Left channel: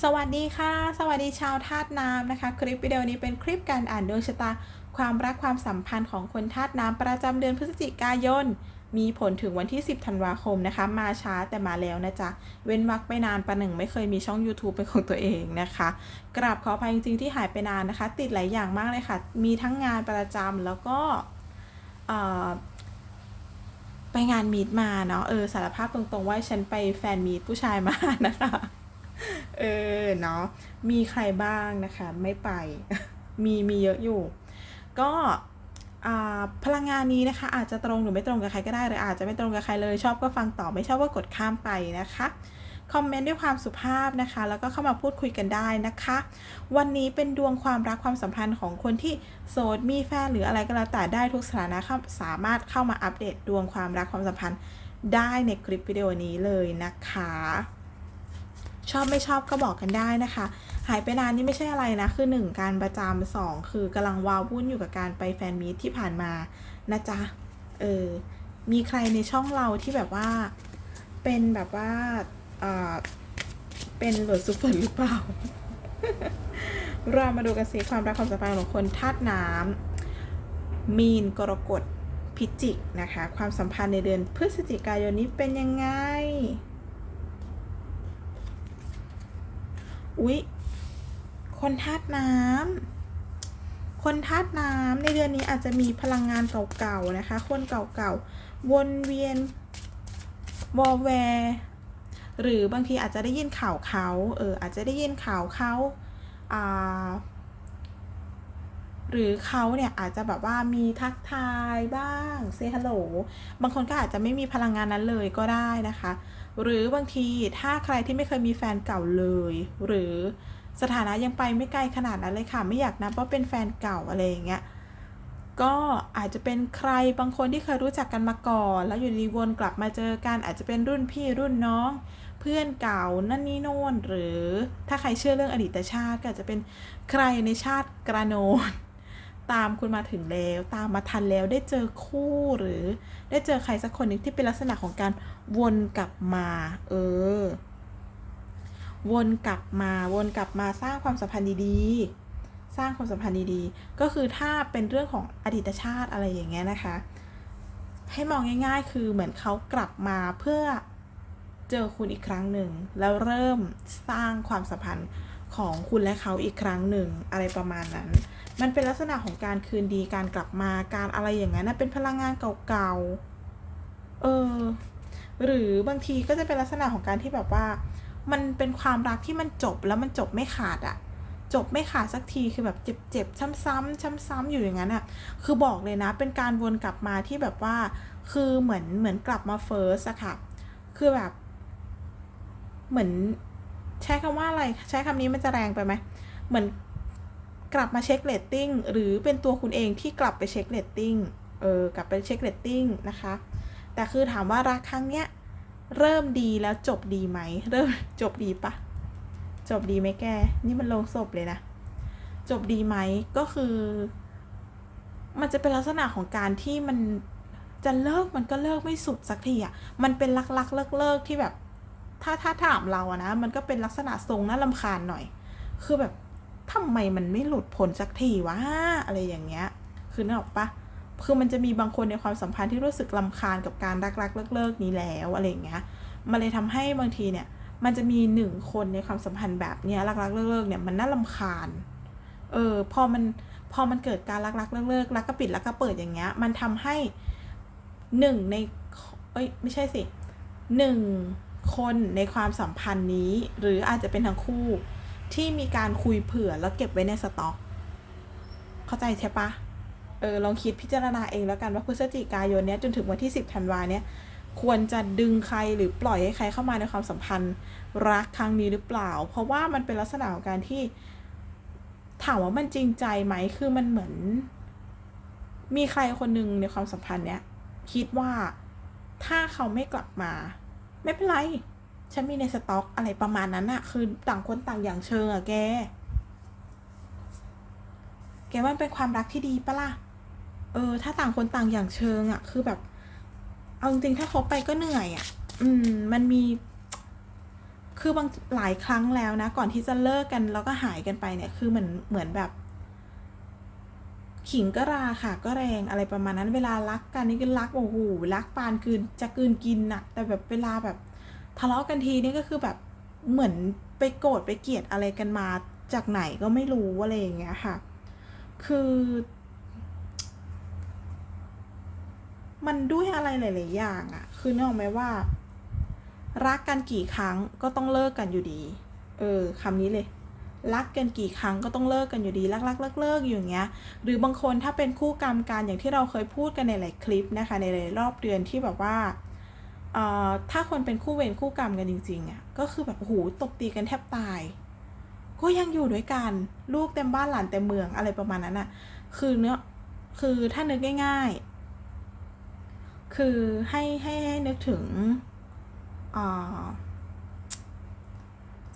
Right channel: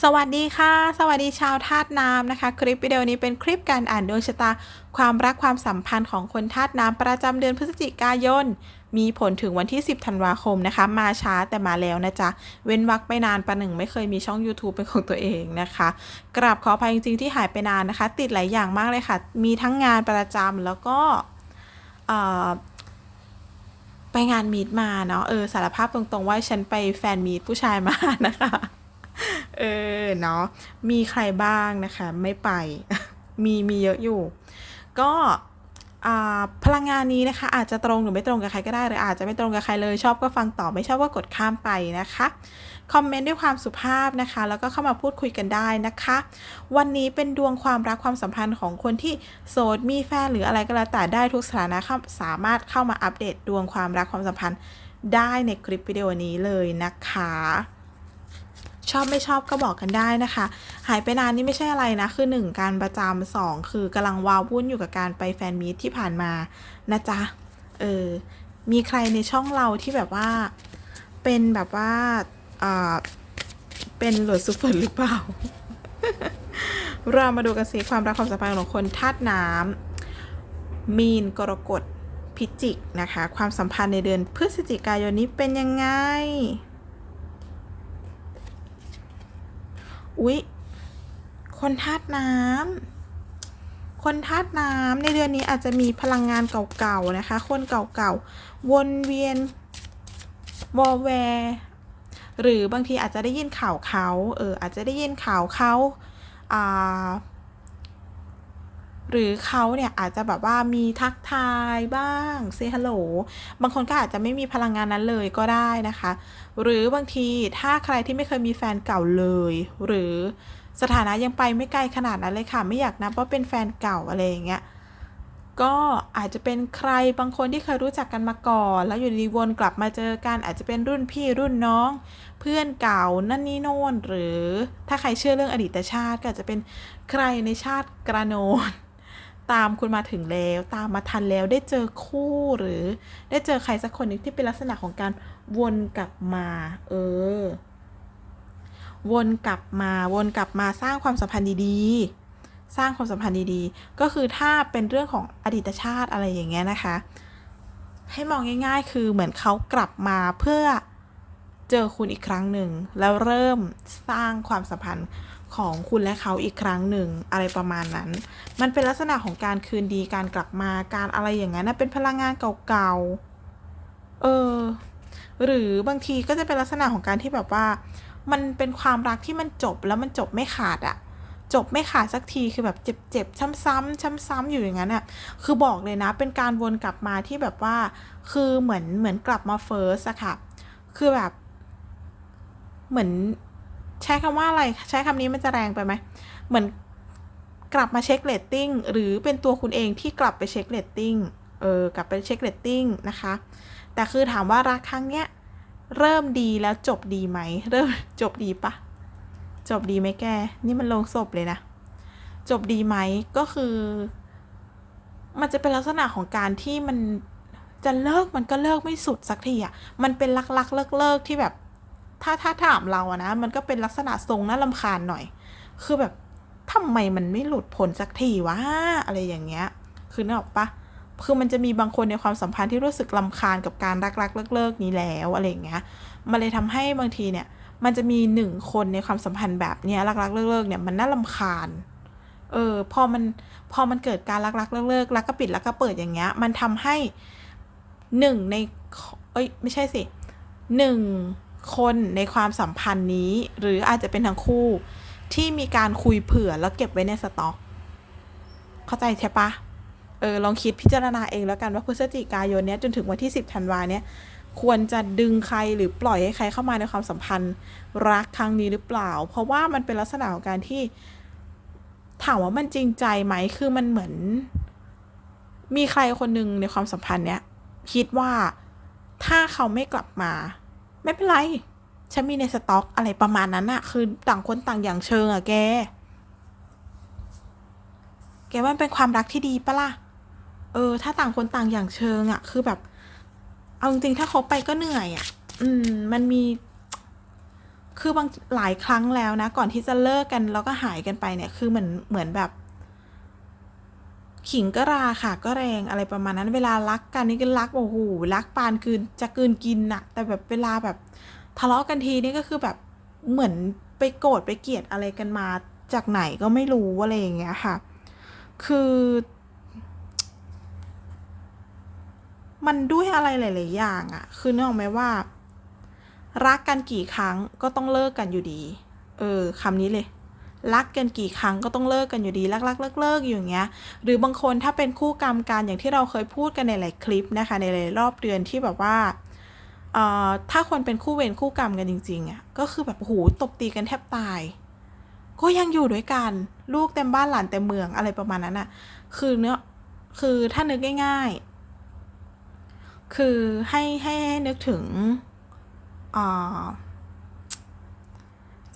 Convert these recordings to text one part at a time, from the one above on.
สวัสดีค่ะ สวัสดีชาวธาตุน้ำนะคะ คลิปวิดีโอนี้เป็นคลิปการอ่านดวงชะตา ความรักความสัมพันธ์ของคนธาตุน้ำประจำเดือนพฤศจิกายน มีผลถึงวันที่ 10ธันวาคมนะคะ มาช้าแต่มาแล้วนะจ๊ะ เว้นวักไปนานประหนึ่งไม่เคยมีช่อง YouTube เป็นของตัวเองนะคะ กราบขออภัยจริงๆที่หายไปนานนะคะ ติดหลายอย่างมากเลยค่ะ มีทั้งงานประจำแล้วก็ไปงานมีดมาเนาะเออสารภาพตรงๆว่าฉันไปแฟนมีดผู้ชายมานะคะ เออเนาะมีใครบ้างนะคะ ไม่ไป มีมีเยอะอยู่ ก็พลังงานนี้นะคะ อาจจะตรงหรือไม่ตรงกับใครก็ได้หรืออาจจะไม่ตรงกับใครเลยชอบก็ฟังต่อไม่ชอบก็กดข้ามไปนะคะคอมเมนต์ด้วยความสุภาพนะคะ แล้วก็เข้ามาพูดคุยกันได้นะคะ วันนี้เป็นดวงความรักความสัมพันธ์ของคนที่โสดมีแฟนหรืออะไรก็แล้วแต่ได้ทุกสถานะสามารถเข้ามาอัปเดตดวงความรักความสัมพันธ์ได้ในคลิปวิดีโอนี้เลยนะคะ ชอบไม่ชอบก็บอกกันได้นะคะ หายไปนานนี่ไม่ใช่อะไรนะ คือ 1 การประจำสองคือกำลังวาววุ่นอยู่กับการไปแฟนมีตที่ผ่านมานะจ๊ะ เออ มีใครในช่องเราที่แบบว่า เป็นแบบว่าเอ่าเป็นหลวดซุปเปอร์หรือเปล่า เรามาดูกันสิความรักความสัมพันธ์ของคนธาตุน้ำมีนกรกฎพิจิกนะคะ ความสัมพันธ์ในเดือนพฤศจิกายนนี้เป็นยังไง อุ๊ย คนธาตุน้ำ คนธาตุน้ำในเดือนนี้อาจจะมีพลังงานเก่าๆนะคะ คนเก่าๆ วนเวียนวอลแวร์หรือบางทีอาจจะได้ยินข่าวเขา เอออาจจะได้ยินข่าวเขาอ่า หรือเขาเนี่ยอาจจะแบบว่ามีทักทายบ้างเซฮัลโหลบางคนก็อาจจะไม่มีพลังงานนั้นเลยก็ได้นะคะ หรือบางทีถ้าใครที่ไม่เคยมีแฟนเก่าเลย หรือสถานะยังไปไม่ไกลขนาดนั้นเลยค่ะ ไม่อยากนับว่าเป็นแฟนเก่าอะไรอย่างเงี้ยก็อาจจะเป็นใครบางคนที่เคยรู้จักกันมาก่อน แล้วอยู่ดีวนกลับมาเจอกัน อาจจะเป็นรุ่นพี่รุ่นน้อง เพื่อนเก่านั่นนี่โน่นหรือถ้าใครเชื่อเรื่องอดีตชาติก็อาจจะเป็นใครในชาติกระโนน ตามคุณมาถึงแล้ว ตามมาทันแล้วได้เจอคู่หรือ ได้เจอใครสักคนหนึงที่เป็นลักษณะของการวนกลับมา เออ วนกลับมาวนกลับมาสร้างความสัมพันธ์ดีๆ สร้างความสัมพันธ์ดีๆ ก็คือถ้าเป็นเรื่องของอดีตชาติอะไรอย่างเงี้ยนะคะ ให้มองง่าย ๆ คือเหมือนเขากลับมาเพื่อเจอคุณอีกครั้งหนึ่งแล้วเริ่มสร้างความสัมพันธ์ ของคุณและเขาอีกครั้งหนึ่งอะไรประมาณนั้น มันเป็นลักษณะของการคืนดีการกลับมาการอะไรอย่างนั้นนะเป็นพลังงานเก่าๆ เออ หรือบางทีก็จะเป็นลักษณะของการที่แบบว่า มันเป็นความรักที่มันจบแล้วมันจบไม่ขาดอะจบไม่ขาดสักทีคือแบบเจ็บๆซ้ำๆซ้ำๆอยู่อย่างนั้นอะคือบอกเลยนะ เป็นการวนกลับมาที่แบบว่า คือเหมือนเหมือนกลับมาเฟิร์สอะค่ะ คือแบบ เหมือน ใช้คำว่าอะไร ใช้คำนี้มันจะแรงไปไหม เหมือนกลับมาเช็คเรตติ้งหรือเป็นตัวคุณเองที่กลับไปเช็คเรตติ้ง เออ กลับไปเช็คเรตติ้งนะคะ แต่คือถามว่ารักครั้งเนี้ยเริ่มดีแล้วจบดีไหม เริ่มจบดีปะ จบดีไหมแก นี่มันลงศพเลยนะ จบดีไหมก็คือ มันจะเป็นลักษณะของการที่มันจะเลิกมันก็เลิกไม่สุดสักทีอะมันเป็นลักลักเลิกเลิกๆที่แบบ ถ้าถ้าถามเราอะนะ มันก็เป็นลักษณะทรงน่าลำคาญหน่อย คือแบบทำไมมันไม่หลุดพ้นสักทีวะอะไรอย่างเงี้ย คือนึกออกปะคือมันจะมีบางคนในความสัมพันธ์ที่รู้สึกลำคาญกับการรักรักเลิกเลิกๆนี้แล้วอะไรอย่างเงี้ย มันเลยทำให้บางทีเนี่ย มันจะมีหนึ่งคนในความสัมพันธ์แบบเนี้ยรักรักเลิกเลิกๆเนี่ยมันน่าลำคาญ เออพอมันพอมันเกิดการรักรักเลิกเลิกๆรักก็ปิดรักก็เปิดอย่างเงี้ย มันทำให้หนึ่งในเอ้ยไม่ใช่สิหนึ่ง คนในความสัมพันธ์นี้ หรืออาจจะเป็นทั้งคู่ ที่มีการคุยเผื่อแล้วเก็บไว้ในสต็อก เข้าใจใช่ปะเออลองคิดพิจารณาเองแล้วกันว่าพฤศจิกายนเนี้ยจนถึงวันที่ 10ธันวาเนี้ยควรจะดึงใครหรือปล่อยให้ใครเข้ามาในความสัมพันธ์รักครั้งนี้หรือเปล่า เพราะว่ามันเป็นลักษณะของการที่ ถามว่ามันจริงใจไหมคือมันเหมือน มีใครคนหนึ่งในความสัมพันธ์เนี้ยคิดว่าถ้าเขาไม่กลับมา ไม่เป็นไร ฉันมีในสต็อกอะไรประมาณนั้นอะคือต่างคนต่างอย่างเชิงอะแก แกว่ามันเป็นความรักที่ดีปะล่ะ เออ ถ้าต่างคนต่างอย่างเชิงอะคือแบบ เอาจริงๆถ้าเขาไปก็เหนื่อยอะอืม มันมี คือบางหลายครั้งแล้วนะ ก่อนที่จะเลิกกันแล้วก็หายกันไปเนี่ย คือเหมือนเหมือนแบบ ขิงก็ราค่ะก็แรงอะไรประมาณนั้น เวลารักกันนี่ก็รักโอ้โหรักปานคืนจะกืนกินน่ะ แต่แบบเวลาแบบทะเลาะกันทีนี่ก็คือแบบเหมือนไปโกรธไปเกลียดอะไรกันมาจากไหนก็ไม่รู้อะไรอย่างเงี้ยค่ะ คือ มันด้วยอะไรหลาย ๆ อย่างอะ คือนึกออกไหมว่า รักกันกี่ครั้งก็ต้องเลิกกันอยู่ดี เออคำนี้เลย รักกันกี่ครั้งก็ต้องเลิกกันอยู่ดีรักรักเลิกเลิกอยู่อย่างเงี้ยหรือบางคนถ้าเป็นคู่กรรมกันอย่างที่เราเคยพูดกันในหลายคลิปนะคะในหลายรอบเดือนที่แบบว่าเอ่อถ้าคนเป็นคู่เวรคู่กรรมกันจริงๆอะก็คือแบบโอ้โหตบตีกันแทบตาย ก็ยังอยู่ด้วยกันลูกเต็มบ้านหลานเต็มเมืองอะไรประมาณนั้นอะคือเนื้อคือถ้านึกง่าย ๆ คือให้ให้นึกถึงอ่า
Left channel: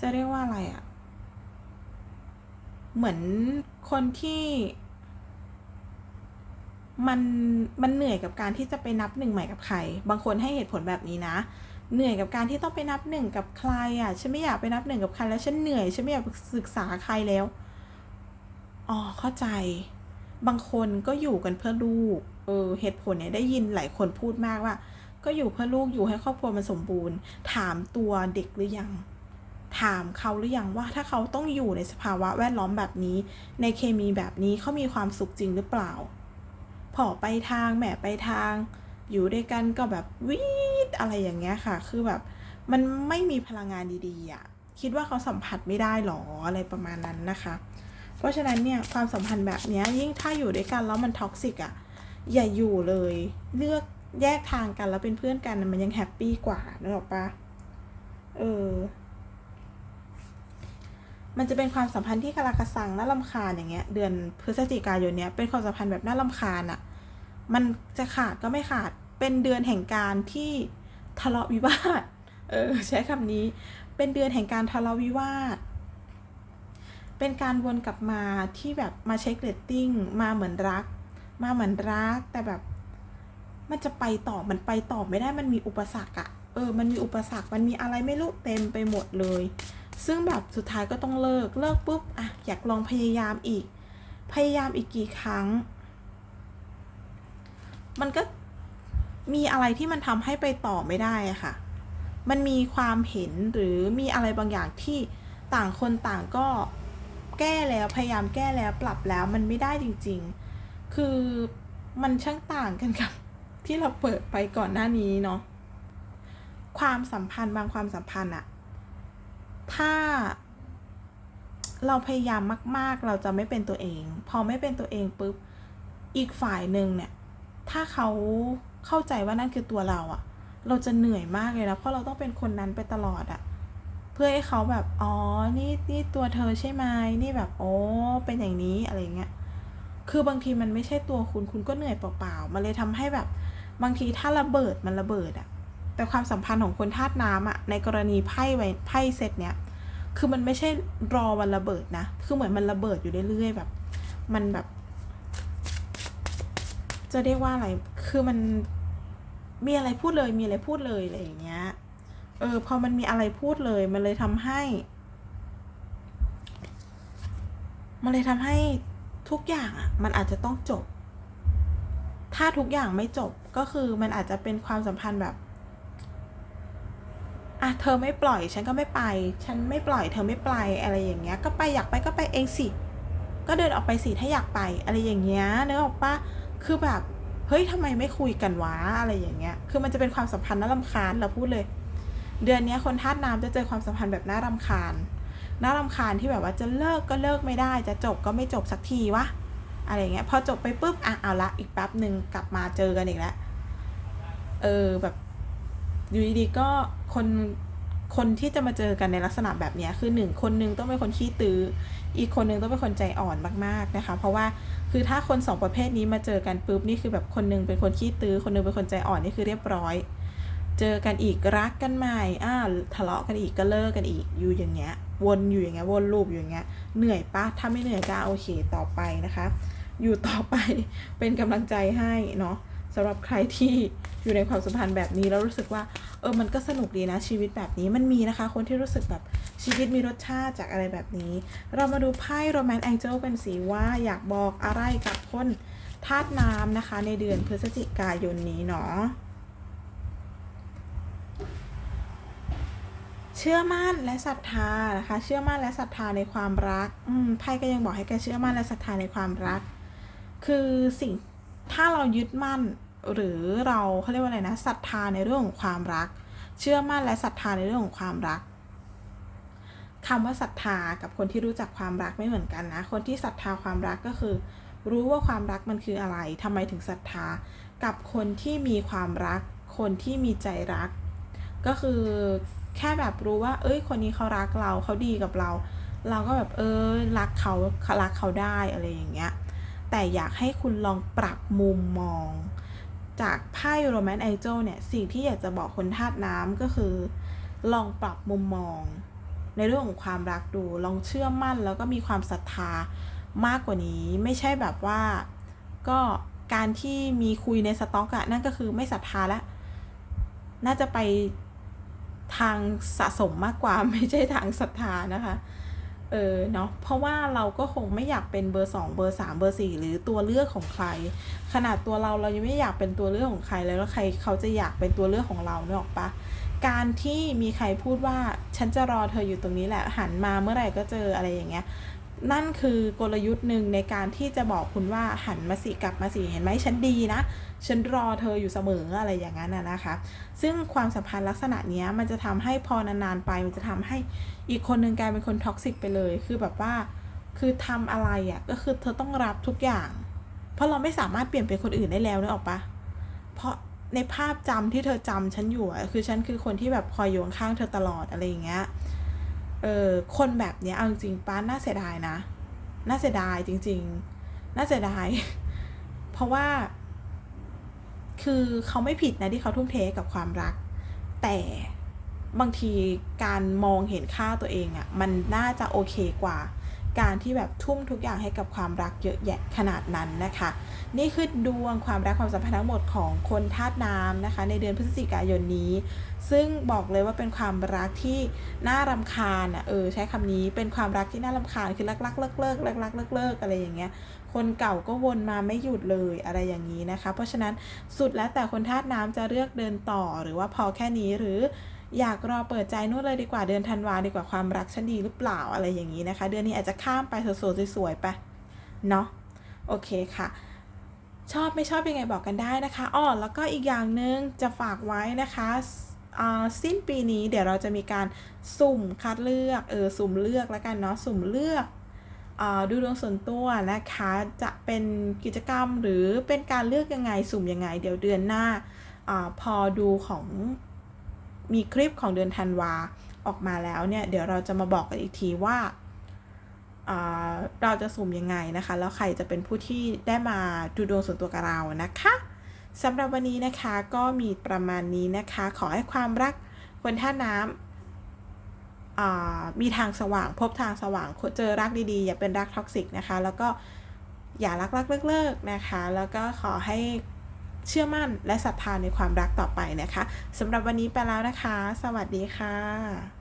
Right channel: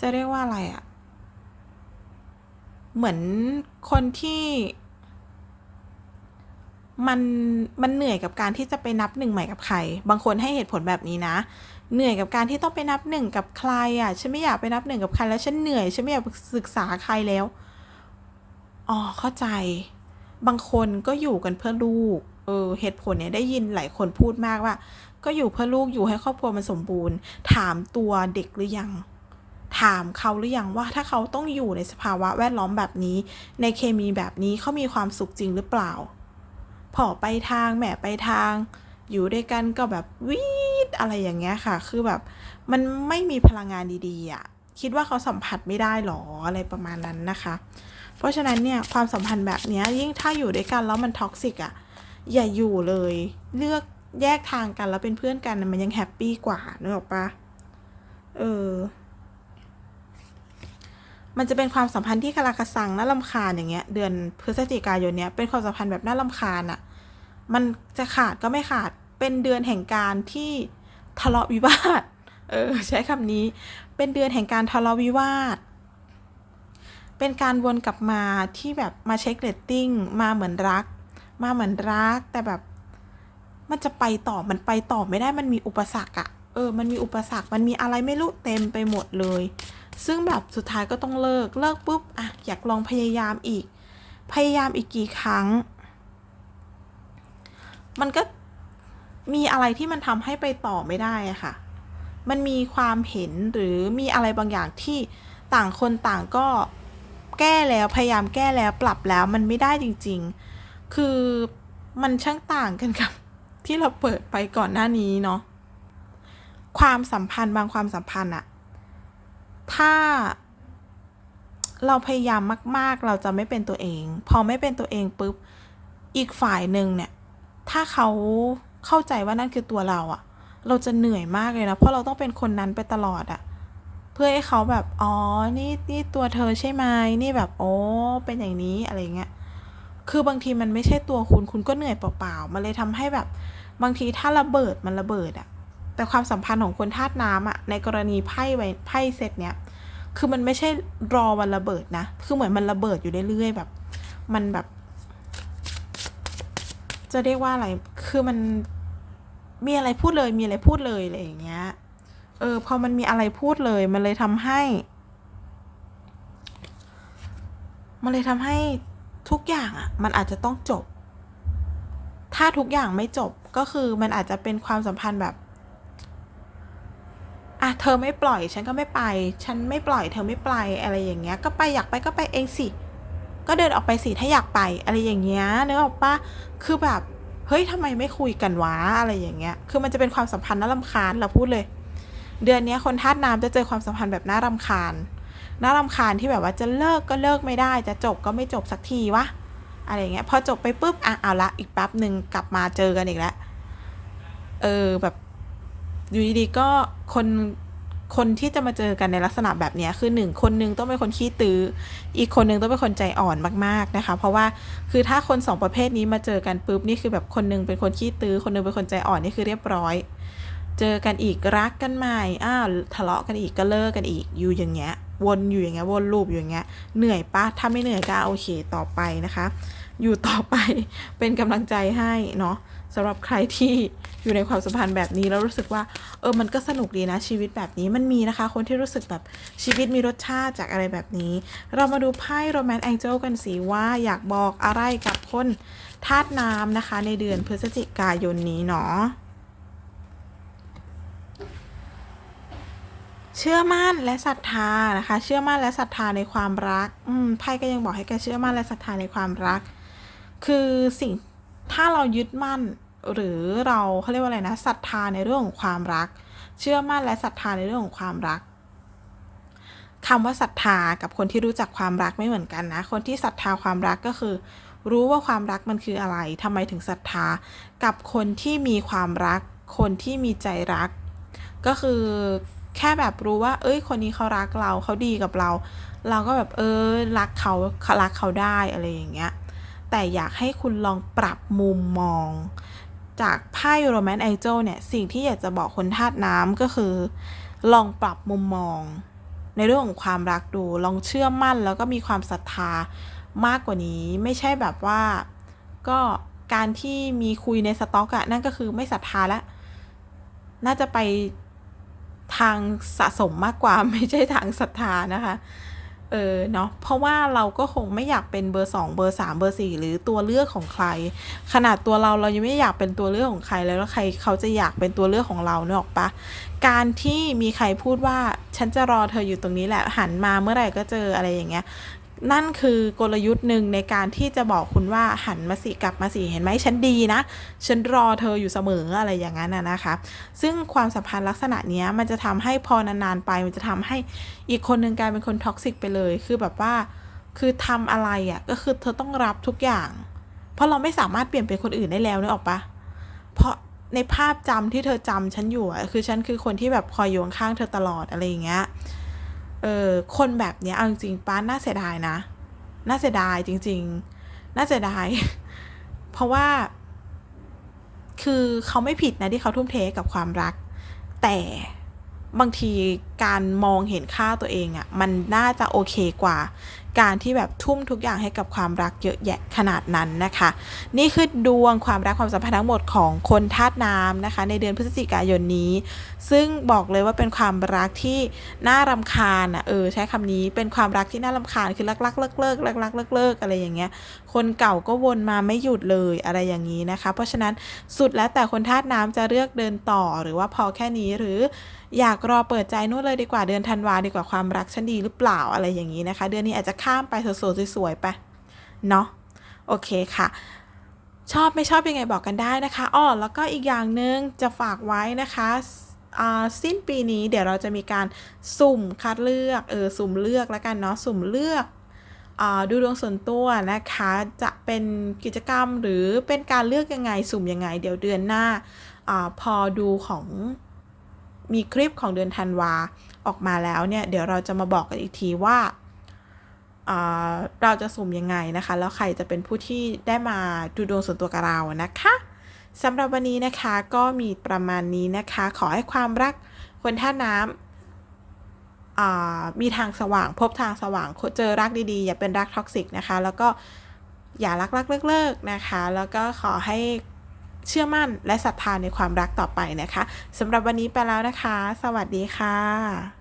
จะเรียกว่าอะไรอะ เหมือนคนที่ มันมันเหนื่อยกับการที่จะไปนับหนึ่งใหม่กับใคร บางคนให้เหตุผลแบบนี้นะ เหนื่อยกับการที่ต้องไปนับหนึ่งกับใครอะฉันไม่อยากไปนับหนึ่งกับใครแล้วฉันเหนื่อยฉันไม่อยากศึกษาใครแล้วอ๋อเข้าใจ บางคนก็อยู่กันเพื่อลูกเออเหตุผลเนี่ยได้ยินหลายคนพูดมากว่า ก็อยู่เพื่อลูกอยู่ให้ครอบครัวมันสมบูรณ์ ถามตัวเด็กหรือยัง ถามเขาหรือยังว่าถ้าเขาต้องอยู่ในสภาวะแวดล้อมแบบนี้ ในเคมีแบบนี้เขามีความสุขจริงหรือเปล่า พอไปทางแหม่ไปทาง อยู่ด้วยกันก็แบบวีดอะไรอย่างเงี้ยค่ะ คือแบบมันไม่มีพลังงานดีๆอะ่ะคิดว่าเขาสัมผัสไม่ได้หรออะไรประมาณนั้นนะคะ เพราะฉะนั้นเนี่ยความสัมพันธ์แบบนี้ยิ่งถ้าอยู่ด้วยกันแล้วมันท็อกซิกอะอย่าอยู่เลย เลือกแยกทางกันแล้วเป็นเพื่อนกันมันยังแฮปปี้กว่านึกออกปะเออ มันจะเป็นความสัมพันธ์ที่คาราคาซังน่าลำคาญอย่างเงี้ย เดือนพฤศจิกายนเนี้ยเป็นความสัมพันธ์แบบน่าลำคาญอะ่ะมันจะขาดก็ไม่ขาดเป็นเดือนแห่งการที่ทะเลาะวิวาท เออ ใช้คำนี้ เป็นเดือนแห่งการทะเลาะวิวาท เป็นการวนกลับมาที่แบบมาเช็คเรตติ้งมาเหมือนรัก มาเหมือนรัก แต่แบบมันจะไปต่อมันไปต่อไม่ได้มันมีอุปสรรคอะเออ มันมีอุปสรรค มันมีอะไรไม่รู้เต็มไปหมดเลย ซึ่งแบบสุดท้ายก็ต้องเลิก เลิกปุ๊บอะอยากลองพยายามอีก พยายามอีกกี่ครั้ง มันก็มีอะไรที่มันทำให้ไปต่อไม่ได้อะค่ะ มันมีความเห็นหรือมีอะไรบางอย่างที่ต่างคนต่างก็แก้แล้วพยายามแก้แล้วปรับแล้วมันไม่ได้จริง ๆ คือมันช่างต่างกันกับ ที่เราเปิดไปก่อนหน้านี้เนาะ ความสัมพันธ์บางความสัมพันธ์อะ ถ้าเราพยายามมาก ๆ เราจะไม่เป็นตัวเอง พอไม่เป็นตัวเองปุ๊บ อีกฝ่ายหนึ่งเนี่ย ถ้าเขาเข้าใจว่านั่นคือตัวเราอะเราจะเหนื่อยมากเลยนะ เพราะเราต้องเป็นคนนั้นไปตลอดอะเพื่อให้เขาแบบ อ๋อ นี่ นี่ตัวเธอใช่ไหมนี่แบบ โอ้ เป็นอย่างนี้ อะไรเงี้ย คือบางทีมันไม่ใช่ตัวคุณ คุณก็เหนื่อยเปล่าๆ มันเลยทำให้แบบ บางทีถ้าระเบิด มันระเบิดอะ แต่ความสัมพันธ์ของคนธาตุน้ำอะในกรณีไพ่ไว้ไพ่เซตเนี้ยคือมันไม่ใช่รอวันระเบิดนะ คือเหมือนมันระเบิดอยู่เรื่อยๆแบบ มันแบบ จะเรียกว่าอะไร คือมันมีอะไรพูดเลย มีอะไรพูดเลยอะไรอย่างเงี้ย เออ พอมันมีอะไรพูดเลย มันเลยทำให้ มันเลยทำให้ทุกอย่างอะ มันอาจจะต้องจบ ถ้าทุกอย่างไม่จบก็คือมันอาจจะเป็นความสัมพันธ์แบบ อะเธอไม่ปล่อยฉันก็ไม่ไป ฉันไม่ปล่อยเธอไม่ไปอะไรอย่างเงี้ย ก็ไปอยากไปก็ไปเองสิ ก็เดินออกไปสิถ้าอยากไปอะไรอย่างเงี้ยนึกออกปะคือแบบเฮ้ยทำไมไม่คุยกันวะอะไรอย่างเงี้ย คือมันจะเป็นความสัมพันธ์น่ารำคาญเราพูดเลย เดือนนี้คนธาตุน้ำจะเจอความสัมพันธ์แบบน่ารำคาญน่ารำคาญที่แบบว่าจะเลิกก็เลิกไม่ได้ จะจบก็ไม่จบสักทีวะอะไรเงี้ยพอจบไปปุ๊บอะเอาละอีกแป๊บหนึ่งกลับมาเจอกันอีกแล้วเออแบบ อยู่ดีๆก็คนคนที่จะมาเจอกันในลักษณะแบบนี้คือหนึ่งคนหนึ่งต้องเป็นคนขี้ตื้ออีกคนหนึ่งต้องเป็นคนใจอ่อนมากๆนะคะ เพราะว่าคือถ้าคนสองประเภทนี้มาเจอกันปุ๊บนี่คือแบบคนหนึงเป็นคนขี้ตื้อคนหนึงเป็นคนใจอ่อนนี่คือเรียบร้อย เจอกันอีกรักกันใหม่อ้าวทะเลาะกันอีกก็เลิกกันอีกอยู่อย่างเงี้ย วนอยู่อย่างเงี้ยวนลูปอยู่อย่างเงี้ยเหนื่อยปะถ้าไม่เหนื่อยก็โอเคต่อไปนะคะ อยู่ต่อไปเป็นกำลังใจให้เนาะ สำหรับใครที่อยู่ในความสัมพันธ์แบบนี้แล้วรู้สึกว่า เออมันก็สนุกดีนะชีวิตแบบนี้มันมีนะคะ คนที่รู้สึกแบบชีวิตมีรสชาติจากอะไรแบบนี้ เรามาดูไพ่โรแมนต์แองเจิลกันสิว่าอยากบอกอะไรกับคนธาตุน้ำนะคะ ในเดือนพฤศจิกายนนี้เนาะเชื่อมั่นและศรัทธานะคะ เชื่อมั่นและศรัทธาในความรัก อืมไพ่ก็ยังบอกให้แกเชื่อมั่นและศรัทธาในความรัก คือสิ่งถ้าเรายึดมั่น หรือเราเขาเรียกว่าอะไรนะศรัทธาในเรื่องของความรัก เชื่อมั่นและศรัทธาในเรื่องของความรักคำว่าศรัทธากับคนที่รู้จักความรักไม่เหมือนกันนะ คนที่ศรัทธาความรักก็คือ รู้ว่าความรักมันคืออะไรทำไมถึงศรัทธา กับคนที่มีความรัก คนที่มีใจรัก ก็คือแค่แบบรู้ว่า เอ้ย คนนี้เขารักเราเขาดีกับเรา เราก็แบบเออรักเขารักเขาได้อะไรอย่างเงี้ยแต่อยากให้คุณลองปรับมุมมอง จากไพ่โรแมนต์แอเจลเนี่ย สิ่งที่อยากจะบอกคนธาตุน้ำก็คือ ลองปรับมุมมอง ในเรื่องของความรักดู ลองเชื่อมั่นแล้วก็มีความศรัทธามากกว่านี้ ไม่ใช่แบบว่า ก็การที่มีคุยในสต็อกอะนั่นก็คือไม่ศรัทธาละน่าจะไปทางสะสมมากกว่าไม่ใช่ทางศรัทธานะคะ เออเนาะเพราะว่าเราก็คงไม่อยากเป็นเบอร์สองเบอร์สามเบอร์สี่หรือตัวเลือกของใคร ขนาดตัวเราเรายังไม่อยากเป็นตัวเลือกของใครแล้วแล้วใครเขาจะอยากเป็นตัวเลือกของเราเนอะปะการที่มีใครพูดว่าฉันจะรอเธออยู่ตรงนี้แหละหันมาเมื่อไหร่ก็เจออะไรอย่างเงี้ย นั่นคือกลยุทธ์หนึ่งในการที่จะบอกคุณว่าหันมาสิกลับมาสิเห็นไหมฉันดีนะ ฉันรอเธออยู่เสมออะไรอย่างนั้นนะคะ ซึ่งความสัมพันธ์ลักษณะนี้มันจะทำให้พอนานๆไป มันจะทำให้อีกคนหนึ่งกลายเป็นคนท็อกซิกไปเลย คือแบบว่า คือทำอะไรอะ่ะก็คือเธอต้องรับทุกอย่าง เพราะเราไม่สามารถเปลี่ยนเป็นคนอื่นได้แล้วนึกออกปะเพราะในภาพจำที่เธอจำฉันอยู่คือฉันคือคนที่แบบคอยอยู่ข้างเธอตลอดอะไรอย่างเงี้ย ออคนแบบเนี้ยเอาจริงป้าน่าเสียดายนะ น่าเสียดายจริง ๆ น่าเสียดาย เพราะว่า คือเขาไม่ผิดนะที่เขาทุ่มเทกับความรัก แต่บางทีการมองเห็นค่าตัวเองอะ่ะ มันน่าจะโอเคกว่า การที่แบบทุ่มทุกอย่างให้กับความรักเยอะแยะขนาดนั้นนะคะ นี่คือดวงความรักความสัมพันธ์ทั้งหมดของคนธาตุน้ำนะคะ ในเดือนพฤศจิกายนนี้ ซึ่งบอกเลยว่าเป็นความรักที่น่ารำคาญอะเออใช้คำนี้เป็นความรักที่น่ารำคาญคือรักรักเลิกเลิกรักรักเลิกเลิกอะไรอย่างเงี้ยคนเก่าก็วนมาไม่หยุดเลยอะไรอย่างนี้นะคะ เพราะฉะนั้นสุดแล้วแต่คนธาตุน้ำจะเลือกเดินต่อหรือว่าพอแค่นี้หรือ อยากรอเปิดใจนู่นเลยดีกว่าเดือนธันวาดีกว่าความรักฉันดีหรือเปล่าอะไรอย่างนี้นะคะ เดือนนี้อาจจะข้ามไปสวยๆสวยๆไปเนาะโอเคค่ะชอบไม่ชอบยังไงบอกกันได้นะคะอ้อแล้วก็อีกอย่างหนึ่งจะฝากไว้นะคะสิ้นปีนี้เดี๋ยวเราจะมีการสุ่มคัดเลือกเออสุ่มเลือกแล้วกันเนาะสุ่มเลือกอดูดวงส่วนตัวนะคะจะเป็นกิจกรรมหรือเป็นการเลือกยังไงสุ่มยังไง เดี๋ยวเดือนหน้าอพอดูของ มีคลิปของเดือนธันวาออกมาแล้วเนี่ย เดี๋ยวเราจะมาบอกกันอีกทีว่าเราจะสุ่มยังไงนะคะ แล้วใครจะเป็นผู้ที่ได้มาดูดวงส่วนตัวกับเรานะคะสำหรับวันนี้นะคะก็มีประมาณนี้นะคะ ขอให้ความรักคนท่าน้ำมีทางสว่างพบทางสว่างเจอรักดีๆ อย่าเป็นรักท็อกซิกนะคะ แล้วก็อย่ารักรักเลิกๆนะคะ แล้วก็ขอให้ เชื่อมั่นและศรัทธาในความรักต่อไปนะคะสำหรับวันนี้ไปแล้วนะคะ สวัสดีค่ะ